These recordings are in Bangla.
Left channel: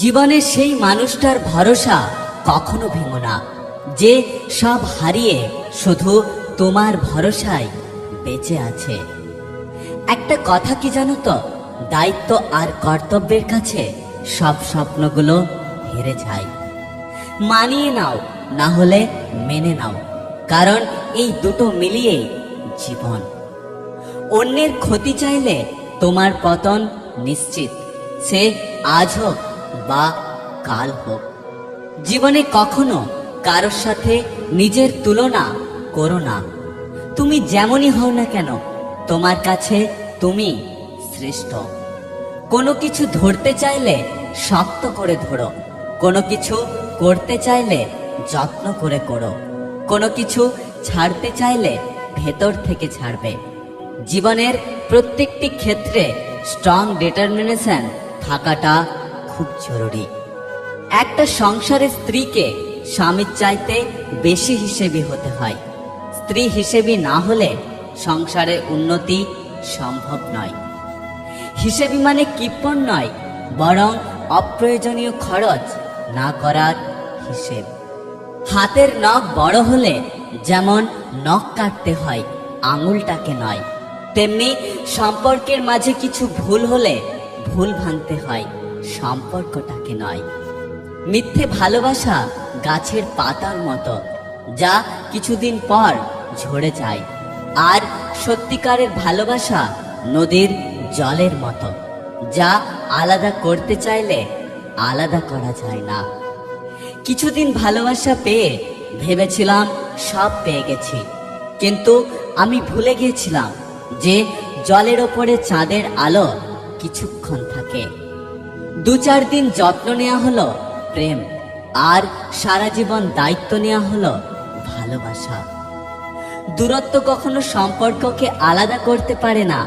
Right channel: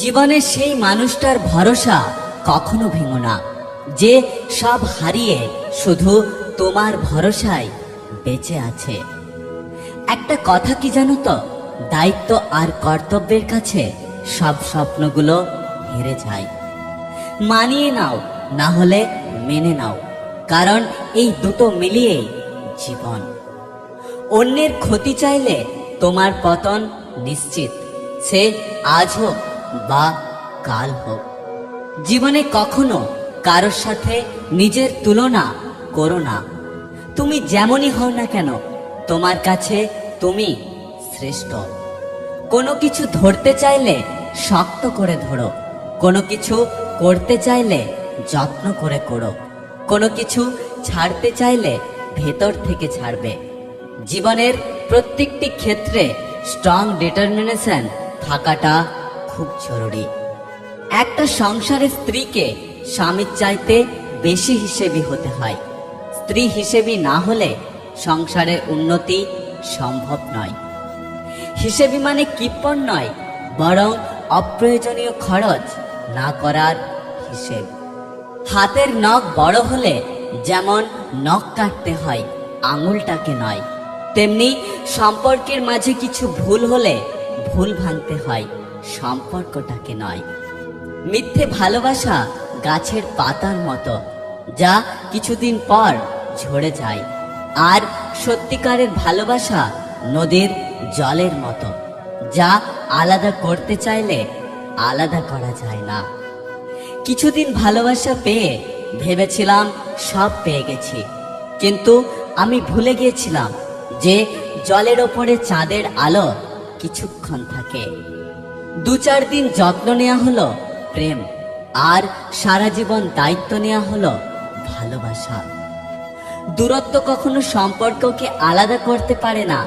জীবনে সেই মানুষটার ভরসা কখনো ভেঙো না, যে সব হারিয়ে শুধু তোমার ভরসায় বেঁচে আছে। একটা কথা কি জানো তো, দায়িত্ব আর কর্তব্যের কাছে সব স্বপ্নগুলো হেরে যায়। মানিয়ে নাও, না হলে মেনে নাও, কারণ এই দুটো মিলিয়ে জীবন। অন্যের ক্ষতি চাইলে তোমার পতন নিশ্চিত, সে আজ হোক বা কাল হোক। জীবনে কখনো কারোর সাথে নিজের তুলনা করো না। তুমি যেমনই হও না কেন, তোমার কাছে তুমি শ্রেষ্ঠ। কোনো কিছু ধরতে চাইলে শক্ত করে ধরো, কোনো কিছু করতে চাইলে যত্ন করে করো, কোনো কিছু ছাড়তে চাইলে ভেতর থেকে ছাড়বে। জীবনের প্রত্যেকটি ক্ষেত্রে স্ট্রং ডিটারমিনেশন থাকাটা খুব জরুরি। একটা সংসারের স্ত্রীকে স্বামীর চাইতে বেশি হিসেবি হতে হয়। স্ত্রী হিসেবি না হলে সংসারের উন্নতি সম্ভব নয়। হিসেবি মানে কিপ্পন নয়, বরং অপ্রয়োজনীয় খরচ না করার হিসেব। হাতের নখ বড় হলে যেমন নখ কাটতে হয়, আঙুলটাকে নয়, তেমনি সম্পর্কের মাঝে কিছু ভুল হলে ভুল ভাঙতে হয়, সম্পর্কটাকে নয়। মিথ্যে ভালোবাসা গাছের পাতার মতো, যা কিছুদিন পর ঝরে যায়। আর সত্যিকারের ভালোবাসা নদীর জলের মতো, যা আলাদা করতে চাইলে আলাদা করা যায় না। কিছুদিন ভালোবাসা পেয়ে ভেবেছিলাম সব পেয়ে গেছি, কিন্তু আমি ভুলে গিয়েছিলাম যে জলের ওপরে চাঁদের আলো কিছুক্ষণ থাকে। 2-4 দিন যত্ন নেওয়া হলো প্রেম, আর সারা জীবন দায়িত্ব নেওয়া হলো ভালোবাসা। দূরত্ব কখনো সম্পর্ককে আলাদা করতে পারে না।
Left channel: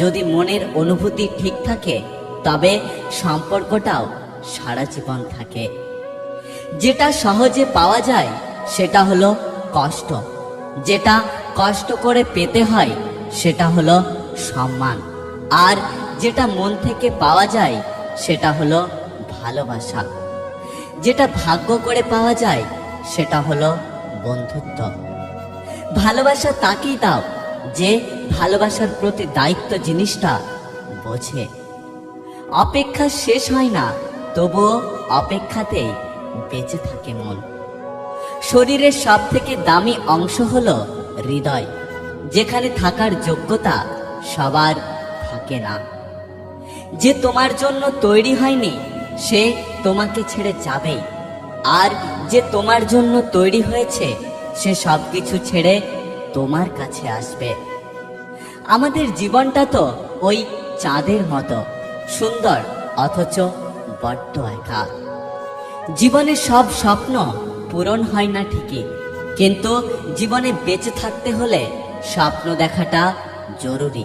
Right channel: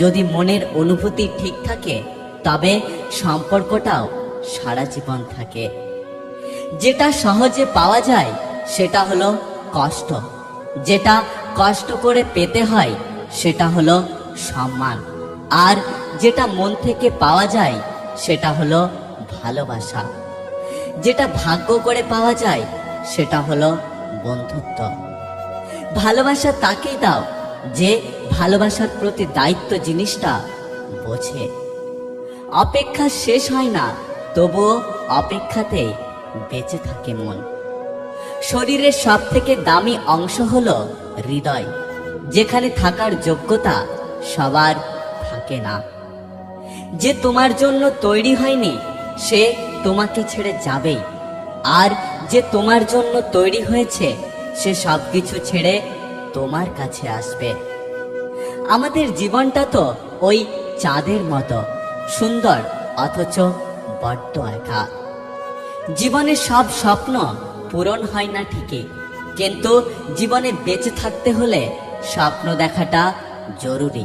যদি মনের অনুভূতি ঠিক থাকে, তবে সম্পর্কটাও সারা জীবন থাকে। যেটা সহজে পাওয়া যায় সেটা হলো কষ্ট, যেটা কষ্ট করে পেতে হয় সেটা হলো সম্মান, আর যেটা মন থেকে পাওয়া যায় সেটা হলো ভালোবাসা। যেটা ভাগ্য করে পাওয়া যায় সেটা হলো বন্ধুত্ব। ভালোবাসা তাকেই দাও যে ভালোবাসার প্রতি দায়িত্ব জিনিসটা বোঝে। অপেক্ষা শেষ হয় না, তবুও অপেক্ষাতেই বেঁচে থাকে মন। শরীরের সব থেকে দামি অংশ হলো হৃদয়, যেখানে থাকার যোগ্যতা সবার থাকে না। যে তোমার জন্য তৈরি হয়নি সে তোমাকে ছেড়ে যাবেই, আর যে তোমার জন্য তৈরি হয়েছে সে সবকিছু ছেড়ে তোমার কাছে আসবে। আমাদের জীবনটা তো ওই চাঁদের মতো সুন্দর, অথচ বড্ড একা। জীবনে সব স্বপ্ন পূরণ হয় না ঠিকই, কিন্তু জীবনে বেঁচে থাকতে হলে স্বপ্ন দেখাটা জরুরি।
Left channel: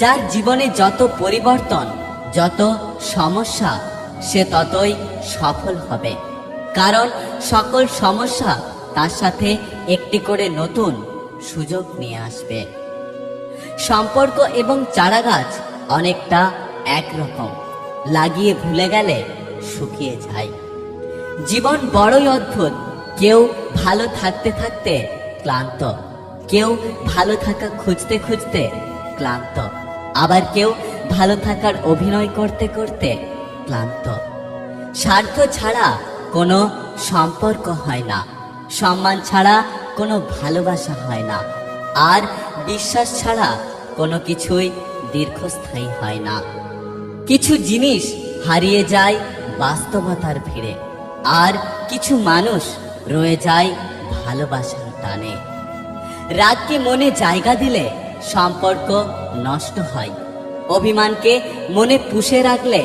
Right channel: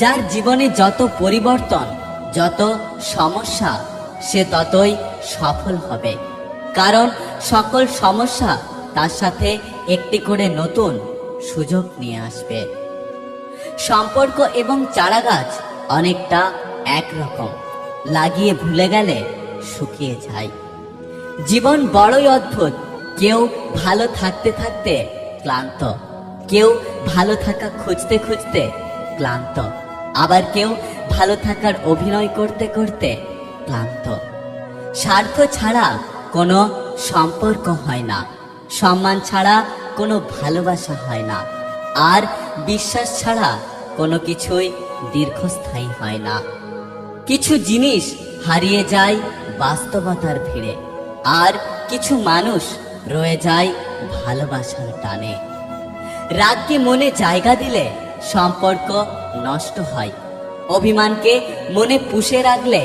যার জীবনে যত পরিবর্তন, যত সমস্যা, সে ততই সফল হবে, কারণ সকল সমস্যা তার সাথে একটি করে নতুন সুযোগ নিয়ে আসবে। সম্পর্ক এবং চারাগাছ অনেকটা একরকম, লাগিয়ে ভুলে গেলে শুকিয়ে যায়। জীবন বড়ই অদ্ভুত, কেউ ভালো থাকতে থাকতে ক্লান্ত, কেউ ভালো থাকা খুঁজতে খুঁজতে ক্লান্ত, আবার কেউ ভালো থাকার অভিনয় করতে করতে ক্লান্ত। স্বার্থ ছাড়া কোনো সম্পর্ক হয় না, সম্মান ছাড়া কোনো ভালোবাসা হয় না, আর বিশ্বাস ছাড়া কোনো কিছুই দীর্ঘস্থায়ী হয় না। কিছু জিনিস হারিয়ে যায় বাস্তবতার ভিড়ে, আর কিছু মানুষ রয়ে যায় ভালোবাসার টানে। রাগকে মনে জায়গা দিলে সম্পর্ক নষ্ট হয়, অভিমানকে মনে পুষে রাখলে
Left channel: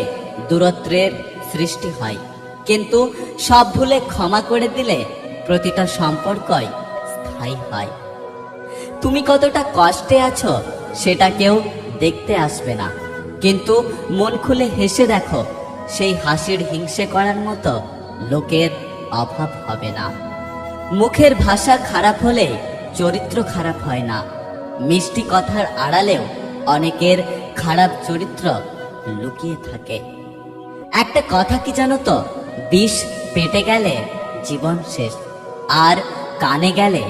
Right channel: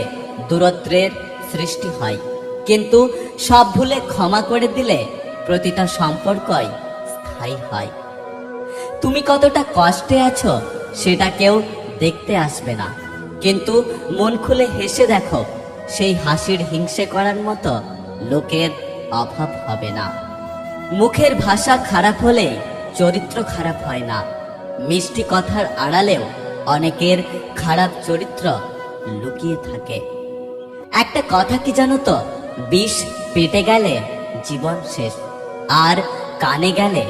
দূরত্বের সৃষ্টি হয়, কিন্তু সব ভুলে ক্ষমা করে দিলে প্রতিটা সম্পর্কই স্থায়ী হয়। তুমি কতটা কষ্টে আছো সেটা কেউ দেখতে আসবে না, কিন্তু মন খুলে হেসে দেখো, সেই হাসির হিংসে করার মতো লোকের অভাব হবে না। মুখের ভাষা খারাপ হলে চরিত্র খারাপ হয় না। মিষ্টি কথার আড়ালেও অনেকের খারাপ চরিত্র লুকিয়ে থাকে। একটা কথা কি জানো তো, বিষ পেটে গেলে জীবন শেষ, আর কানে গেলে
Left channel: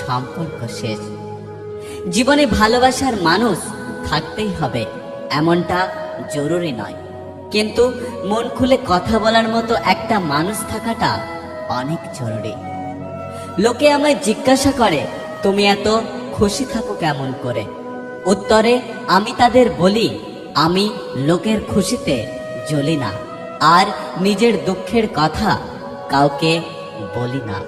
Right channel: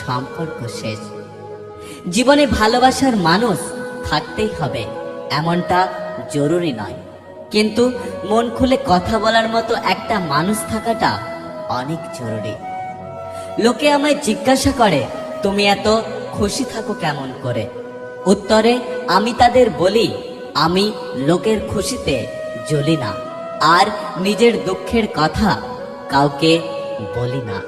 সম্পর্ক শেষ। জীবনে ভালোবাসার মানুষ থাকতেই হবে এমনটা জরুরি নয়, কিন্তু মন খুলে কথা বলার মতো একটা মানুষ থাকাটা অনেক জরুরি। লোকে আমায় জিজ্ঞাসা করে, তুমি এত খুশি থাকো কেমন করে? উত্তরে আমি তাদের বলি, আমি লোকের খুশিতে জ্বলি না, আর নিজের দুঃখের কথা কাউকে বলি না।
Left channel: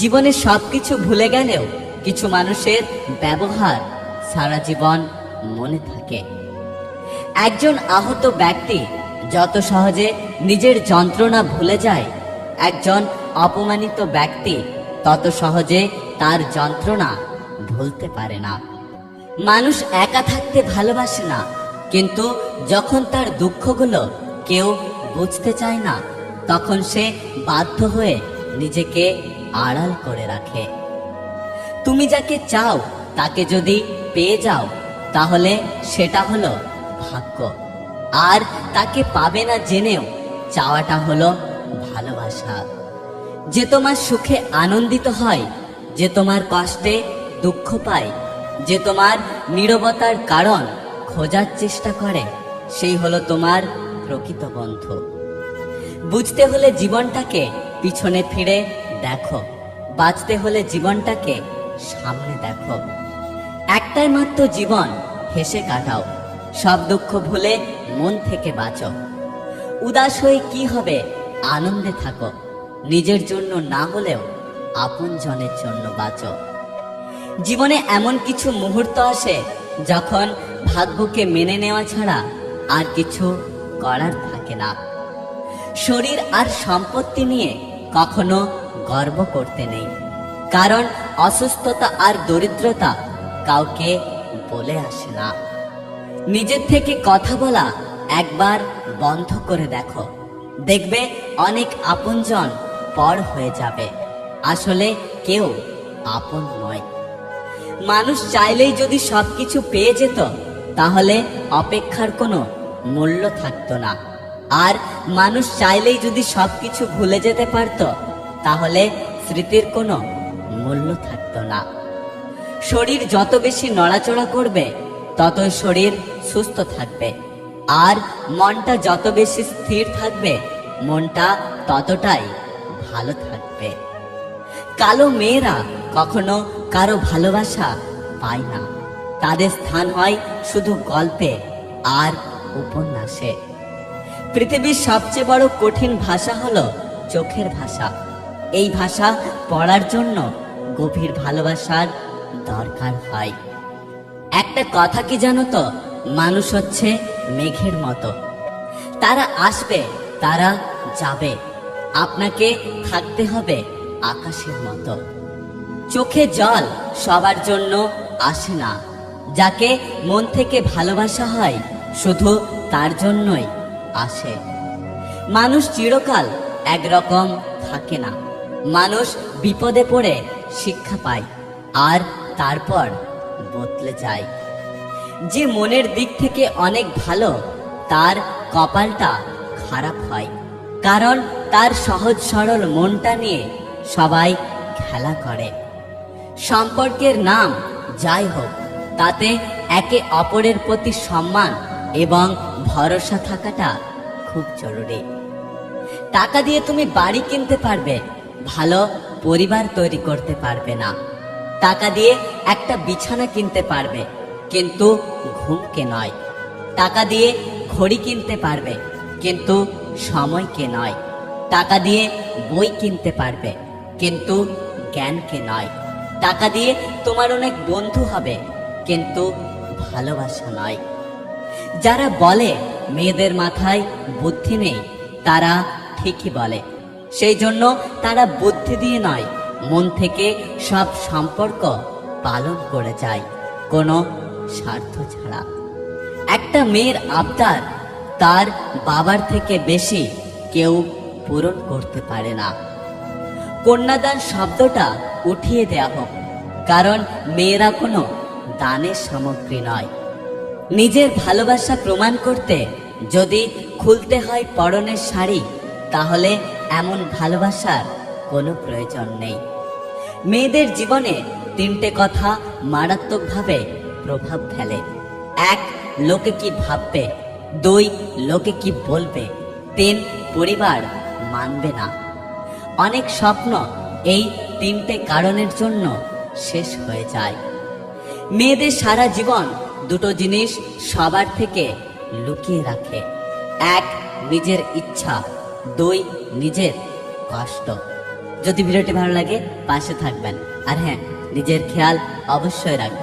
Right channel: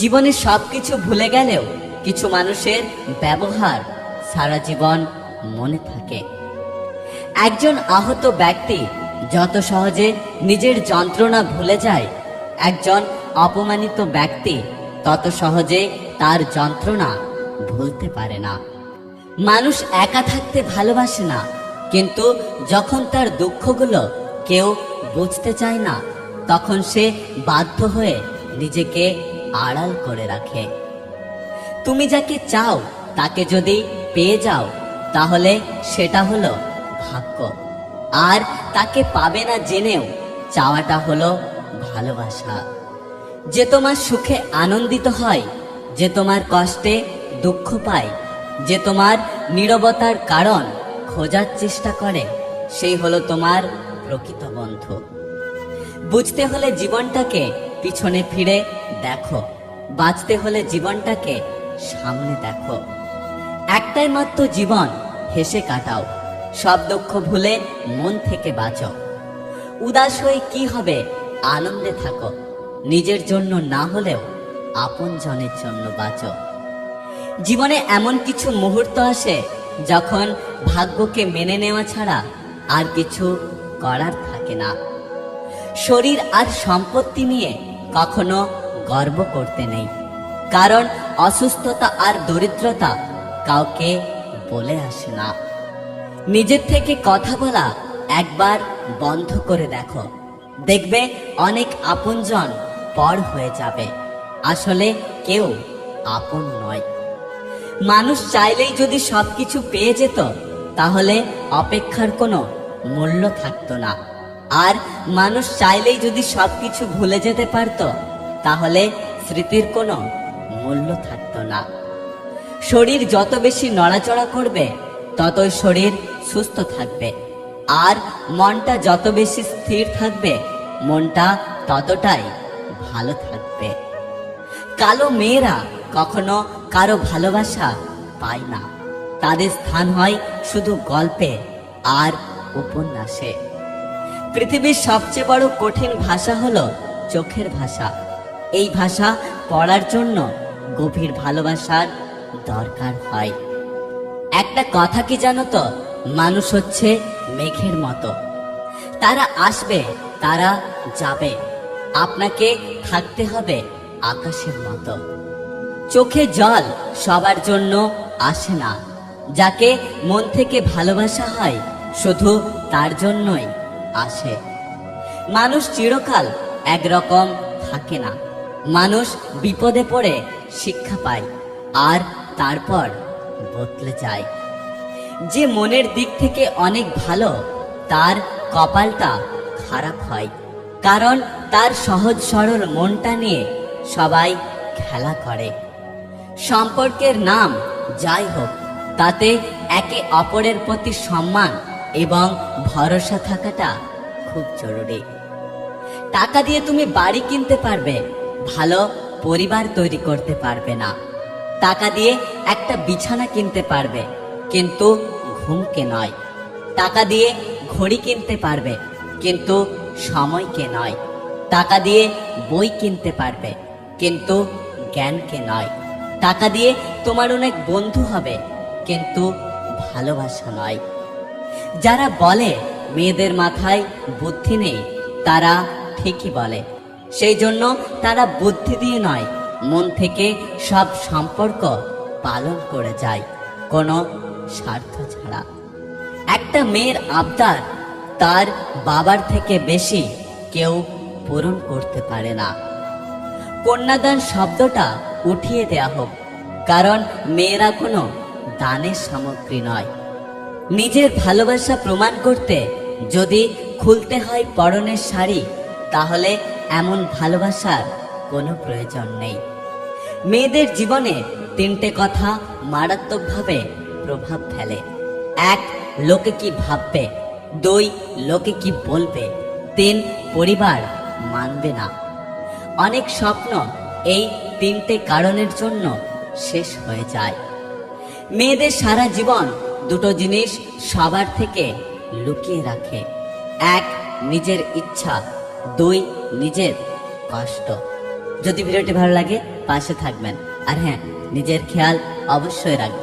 জীবনে সবকিছু ভুলে গেলেও কিছু মানুষের ব্যবহার সারা জীবন মনে থাকে। একজন আহত ব্যক্তি যত সহজে নিজের যন্ত্রণা ভুলে যায়, একজন অপমানিত ব্যক্তি তত সহজে তার যন্ত্রণা ভুলতে পারে না। মানুষ একা থাকতে ভালোবাসে না, কিন্তু যখন তার দুঃখগুলো কেউ বুঝতে চায় না, তখন সে বাধ্য হয়ে নিজেকে আড়াল করে রাখে। তুমি যাকে চাও তাকে যদি পেয়ে যাও, তাহলে সেটা হলো ভাগ্য। আর তাকে পাবে না জেনেও চাওয়াটা হলো ভালোবাসা। যে তোমার সুখে আনন্দিত হয়, যে তোমার কষ্টে দুঃখ পায়, যে তোমার নীরবতার কারণ খোঁজার চেষ্টা করে, সেই হলো তোমার প্রকৃত বন্ধু। বুঝতে হলে জীবনটাকে পিছনে ফিরে দেখো, বাঁচতে হলে জীবনটাকে সামনে দেখো। একটাই মাত্র জীবন, হেসে কাটাও, সব দুঃখ ভুলে মন থেকে বাঁচো। উদাস হয়ে কি হবে, আনন্দে থাকো। নিজের জন্য না হলেও আপন জনের জন্য বাঁচো। জীবনে এমন কিছু মুহূর্ত আসে যখন ভাগ্যকে মেনে নেওয়া ছাড়া আর কিছু করার থাকে না। শরীর আর সম্পত্তি নিয়ে কখনো গর্ব করতে নেই, কারণ অসুস্থতা আর দরিদ্রতা কাউকে বলে আসে না। নিজের থেকে কথা বলা একবার বন্ধ করে দেখো, দেখবে অনেক আপনজন পর হয়ে যাবে। আসলে কেউ আপন নয়। মানুষ চাইলেই যদি সবকিছু পেয়ে যেত, তাহলে অপেক্ষার কোনো মূল্য থাকতো না। আর মানুষ চাইলেই যদি সবকিছু ভুলে যেতে পারত, তাহলে স্মৃতির কোনো মূল্য থাকতো না। শরীর যত বেশি নড়াচড়া করবে, ততই শরীর সুস্থ থাকবে। আর মনটা যত বেশি স্থির থাকবে, মনটা ততটাই ভালো থাকবে। কালো মেয়েরা কখনো কারো ভালোবাসা পায় না, তাদের স্থান হয় শুধু গল্পে আর উপন্যাসে। পৃথিবীর সবচেয়ে বড় কঠিন ভাষা হলো চোখের ভাষা। এই ভাষা পড়ার জন্য গভীর ভালোবাসার দরকার হয়। একটা কথা কি জানো তো, মানুষ হচ্ছে মেঘের মতো, তারা আসবে, তারা যাবে, আপনাকে থাকতে হবে আকাশের মতো। চোখে জল সবার জন্য আসে না, যাকে মন থেকে ভালোবাসা হয় শুধু তার জন্যই আসে। মানুষ চিরকাল একরকম থাকে না, মানুষ বিপদে পড়ে শিক্ষা পায় আর তারপর বদলে যায়। যে মনের দিক থেকে অনেক ভালো, তার কপালটা খারাপ হয়, কারণ তার সহজ সরল মনটা নিয়ে সবাই খেলা করে। সম্পর্কের নাম যাই হোক, তাতে একে অপরের প্রতি সম্মান এবং ভরসা থাকাটা খুব জরুরি। টাকা দিয়ে তুমি বাড়ি কিনতে পারবে, ভালো পরিবার তৈরি করতে পারবে না। টাকা দিয়ে একটা বিছানা কিনতে পারবে, কিন্তু ঘুমকে নয়। টাকা দিয়ে ঘড়ি কিনতে পারবে, কিন্তু সময়কে নয়। টাকা দিয়ে বই কিনতে পারবে, কিন্তু জ্ঞানকে নয়। টাকা দিয়ে তোমার অনেক বন্ধু হবে, কিন্তু ভালোবাসা নয়। যারা বলে মেয়েদের মাথায় বুদ্ধি নেই, তারা ঠিকই বলে। সেই জন্য তারা বুদ্ধি দিয়ে নয়, মন থেকে সব সম্পর্ক পালন করে যায়, কোনো স্বার্থ ছাড়া। একটা মেয়ের আবদার তার বাবার থেকে বেশি কেউ পূরণ করতে পারে না। কন্যাদান শব্দটা উঠিয়ে দেয়া হোক, কারণ মেয়েরা কোনো দানের সামগ্রী নয়। নিজের ভালোবাসা প্রমাণ করতে যদি খুলতে হয় পরনের শাড়ি, তাহলে এমন ভালোবাসার কোনো প্রয়োজন নেই। মেয়েদের জীবনে তিনটে কথা মারাত্মকভাবে প্রভাব ফেলে। এক, লোকে কি ভাববে। দুই, লোকে কি বলবে। তিন, পরিবার মানবে না। অনেক স্বপ্ন এই তিনটে কারণের জন্য শেষ হয়ে যায়। মেয়েদের সারা জীবন দুটো জিনিস সবার থেকে লুকিয়ে রাখে। এক, নিজের ইচ্ছা। দুই, নিজের কষ্ট। যদি ভিডিওটি ভালো লাগে পাশে থাকবেন, আর হ্যাঁ, নিজের খেয়াল অবশ্যই রাখবেন।